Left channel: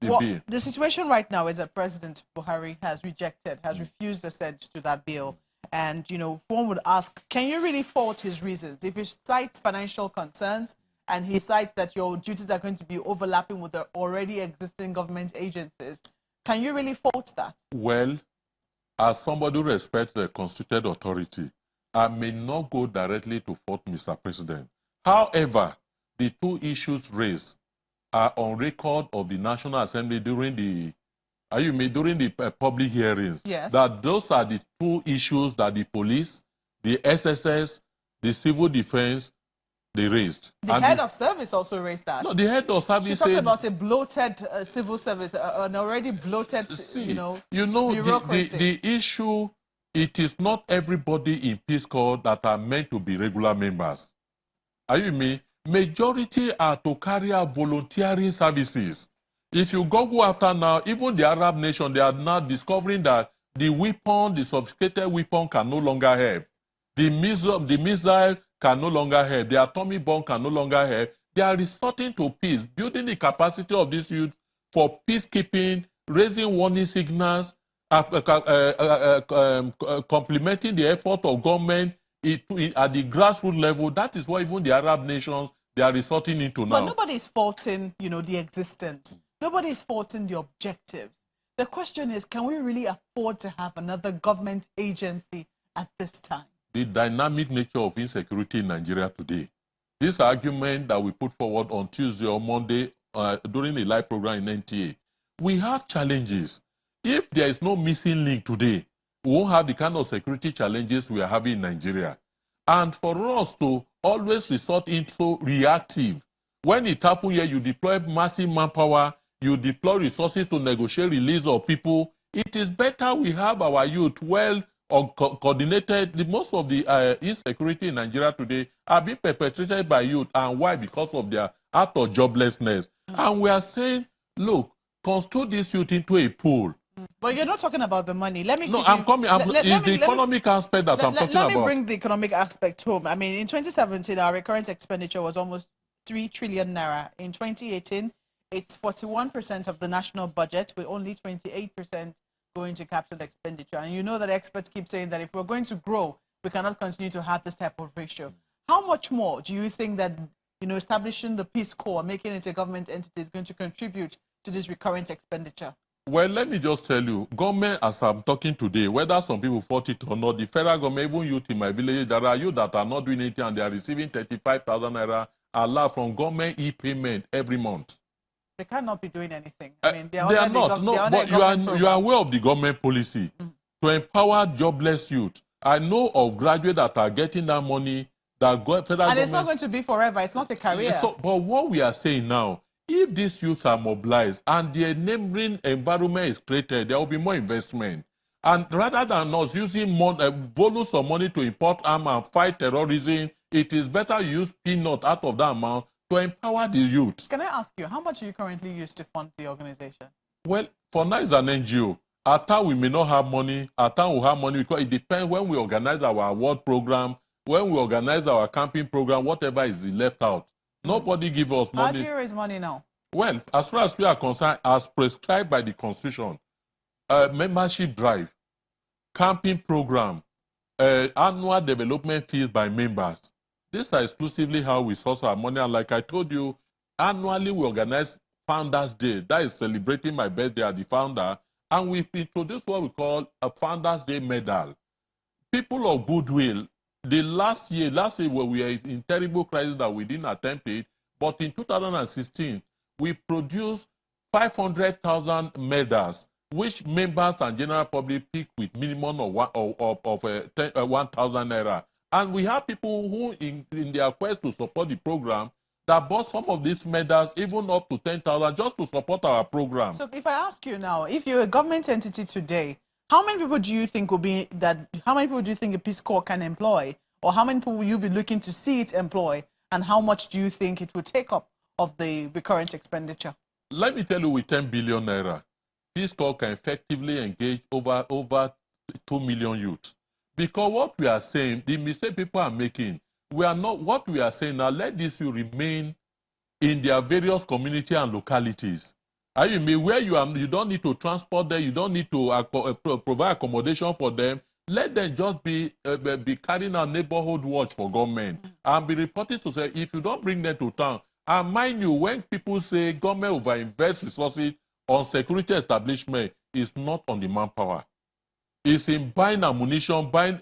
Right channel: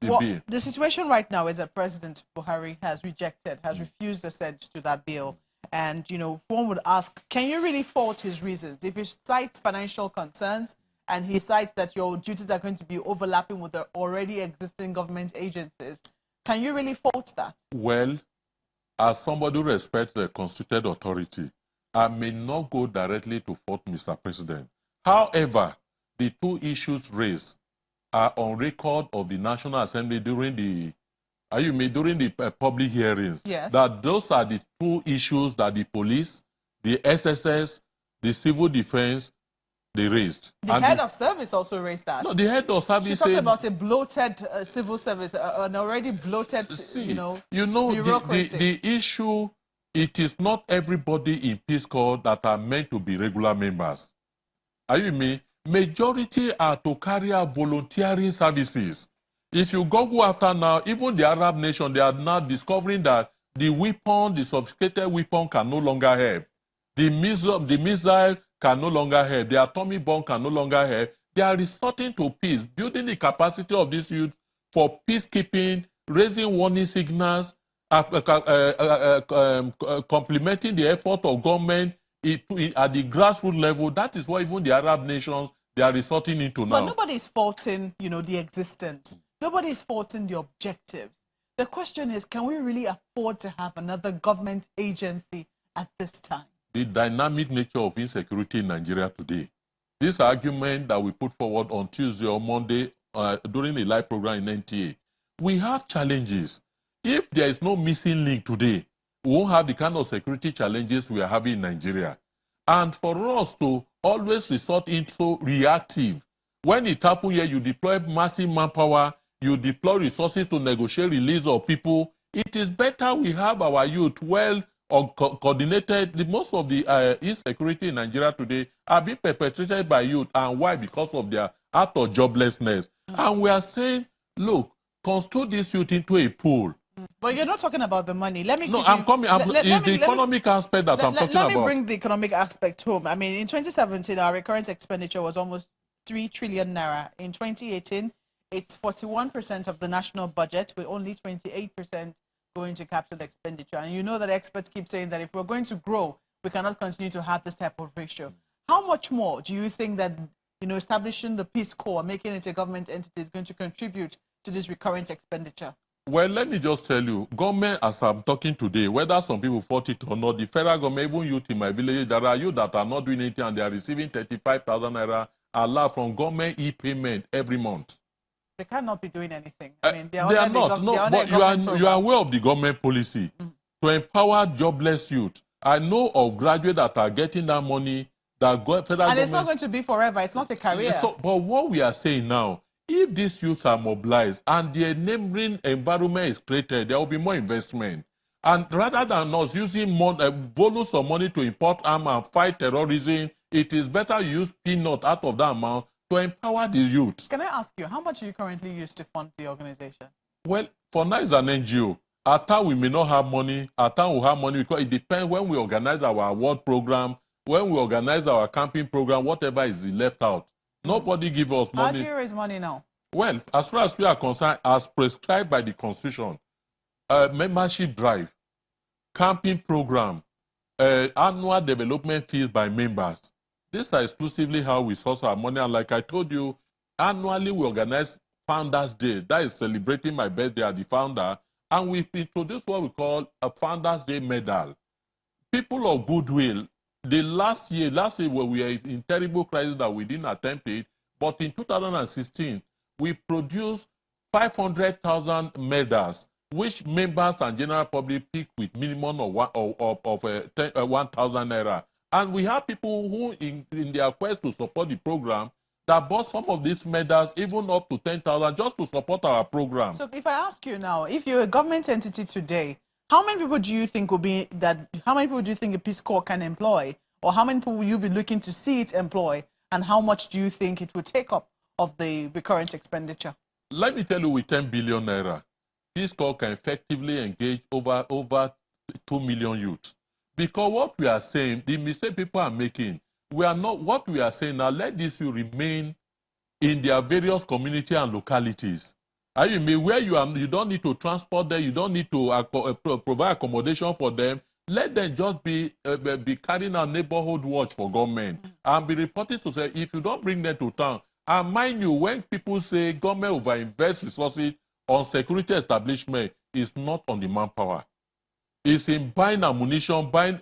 the bill. The situation right now is that President Buhari has refused assent to that bill. And, one would ask, can you really fault his reasons? If he cites financial concerns and he cites that your duties are going to be overlapping with the already existing government agencies, can you really fault that? Well, as somebody who respects the constituted authority, I may not go directly to fault Mr. President. However, the two issues raised are on record of the National Assembly during the public hearings. Yes. That those are the two issues that the police, the SSS, the civil defense, they raised. The head of service also raised that. No, the head of service. She's talking about a bloated civil service, an already bloated, the issue. It is not everybody in Peace Corps that are meant to be regular members. Are you with me? Majority are to carry out volunteering services. If you go after now, even the Arab nation, they are now discovering that the sophisticated weapon can no longer help. The missile can no longer help. The atomic bomb can no longer help. They are resorting to peace, building the capacity of these youth for peacekeeping, raising warning signals, complementing the effort of government at the grassroots level. That is what even the Arab nations, they are resorting into now. But nobody is faulting, the existence. Nobody is faulting the objectives. The question is, can we really afford to have another government agency at this time? The dynamic nature of insecurity in Nigeria today. This argument that we put forward on Tuesday or Monday during a live program in NTA, we have challenges. If there is no missing link today, we won't have the kind of security challenges we are having in Nigeria. And for us to always resort into reactive, when it happens here, you deploy massive manpower, you deploy resources to negotiate release of people. It is better we have our youth well coordinated. Most of the insecurity in Nigeria today are being perpetrated by youth. And why? Because of their act of joblessness. And we are saying, look, constitute this youth into a pool. But you're not talking about the money. Let me. No, I'm coming. It's the economic aspect that I'm talking about. Let me bring the economic aspect home. I mean, in 2017, our recurrent expenditure was almost 3 trillion naira. In 2018, it's 41% of the national budget, with only 28% going to capital expenditure. And you know that experts keep saying that if we're going to grow, we cannot continue to have this type of ratio. How much more do you think that establishing the Peace Corps, making it a government entity, is going to contribute to this recurrent expenditure? Well, let me just tell you, government, as I'm talking today, whether some people fought it or not, the federal government, even youth in my village, there are youth that are not doing anything and they are receiving 35,000 naira allowed from government e-payment every month. They cannot be doing anything. I mean, they are not. No, but you are aware of the government policy to empower jobless youth. I know of graduates that are getting that money that got federal and government. It's not going to be forever. It's not a career. So, but what we are saying now, if these youths are mobilized and the enabling environment is created, there will be more investment. And rather than us using volumes of money to import arms and fight terrorism, it is better use peanut out of that amount to empower the youth. Can I ask you, how much do you currently use to fund the organization? Well, for now it's an NGO. At times we may not have money. At times we have money because it depends when we organize our award program, when we organize our camping program, whatever is left out. Nobody give us money. How do you raise money now? Well, as far as we are concerned, as prescribed by the Constitution, membership drive, camping program, annual development fees by members. These are exclusively how we source our money. And like I told you, annually we organize Founders Day. That is celebrating my birthday as the founder. And we introduce what we call a Founders Day medal. People of goodwill, the last year when we were in terrible crisis that we didn't attempt it, but in 2016, we produced 500,000 medals, which members and general public pick with minimum of 1,000 naira. And we have people who, in their quest to support the program, that bought some of these medals, even up to 10,000, just to support our program. So if I ask you now, if you're a government entity today, how many people do you think how many people do you think a Peace Corps can employ? Or how many people will you be looking to see it employ? And how much do you think it would take up of the recurrent expenditure? Let me tell you, with 10 billion naira, Peace Corps can effectively engage over 2 million youth. Because what we are saying, the mistake people are making, we are not, what we are saying now, let these youth remain in their various community and localities. You mean where you don't need to transport them, you don't need to provide accommodation for them. Let them just be carrying a neighborhood watch for government and be reporting to say if you don't bring them to town. And mind you, when people say government overinvest resources on security establishment, it's not on the manpower. It's in buying ammunition, buying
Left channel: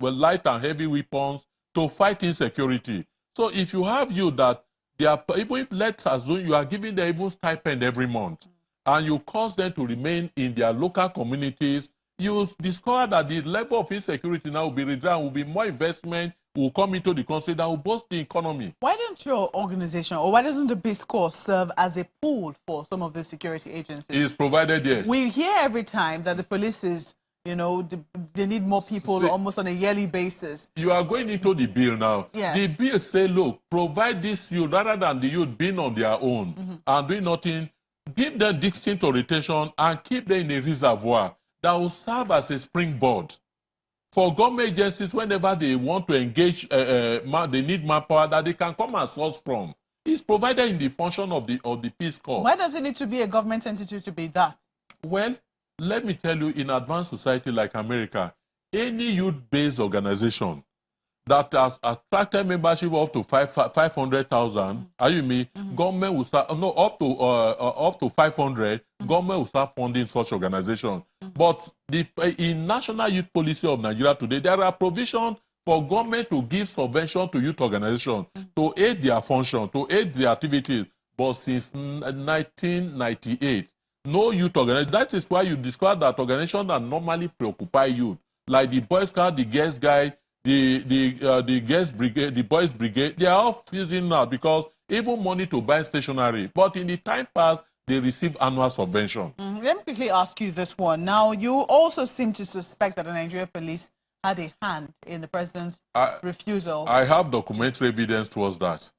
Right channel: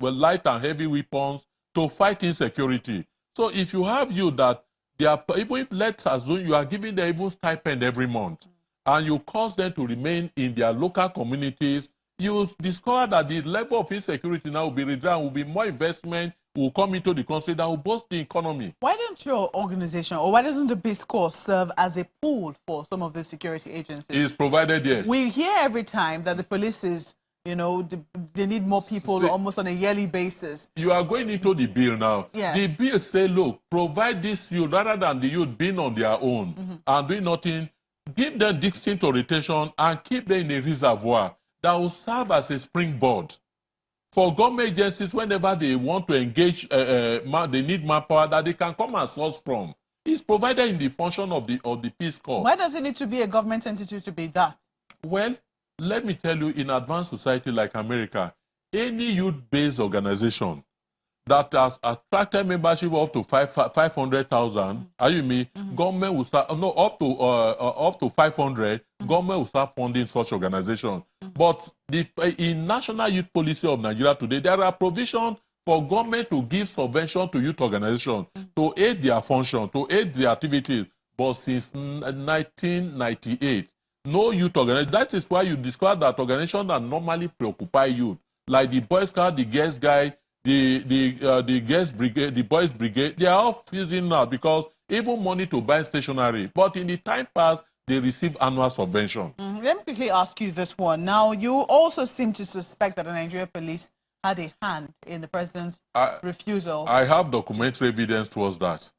light and heavy weapons to fight insecurity. So if you have that they are, even if let's assume you are giving them even stipend every month, and you cause them to remain in their local communities, you discover that the level of insecurity now will be reduced, will be more investment will come into the country that will boost the economy. Why don't your organization, or why doesn't the Peace Corps serve as a pool for some of the security agencies? It's provided there. We hear every time that the police is, you know, they need more people almost on a yearly basis. You are going into the bill now. Yes. The bill say, look, provide this youth rather than the youth being on their own and doing nothing. Give them distinct orientation and keep them in a reservoir that will serve as a springboard for government agencies whenever they want to engage, they need manpower that they can come and source from. It's provided in the function of the Peace Corps. Why does it need to be a government entity to be that? Well, let me tell you, in advanced society like America, any youth-based organization that has attracted membership up to 500,000, are you me? Government will start up to 500. Government will start funding such organization. But in National Youth Policy of Nigeria today, there are provisions for government to give subvention to youth organizations to aid their function, to aid their activities. But since 1998, no youth organization. That is why you discover that organizations that normally preoccupy youth, like the Boy Scout, the Girls Guide, the Girls Brigade, the Boys Brigade, they are all freezing now because even money to buy stationery. But in the time past, they receive annual subvention. Let me quickly ask you this one. Now, you also seem to suspect that the Nigerian police had a hand in the president's refusal. I have documentary evidence towards that.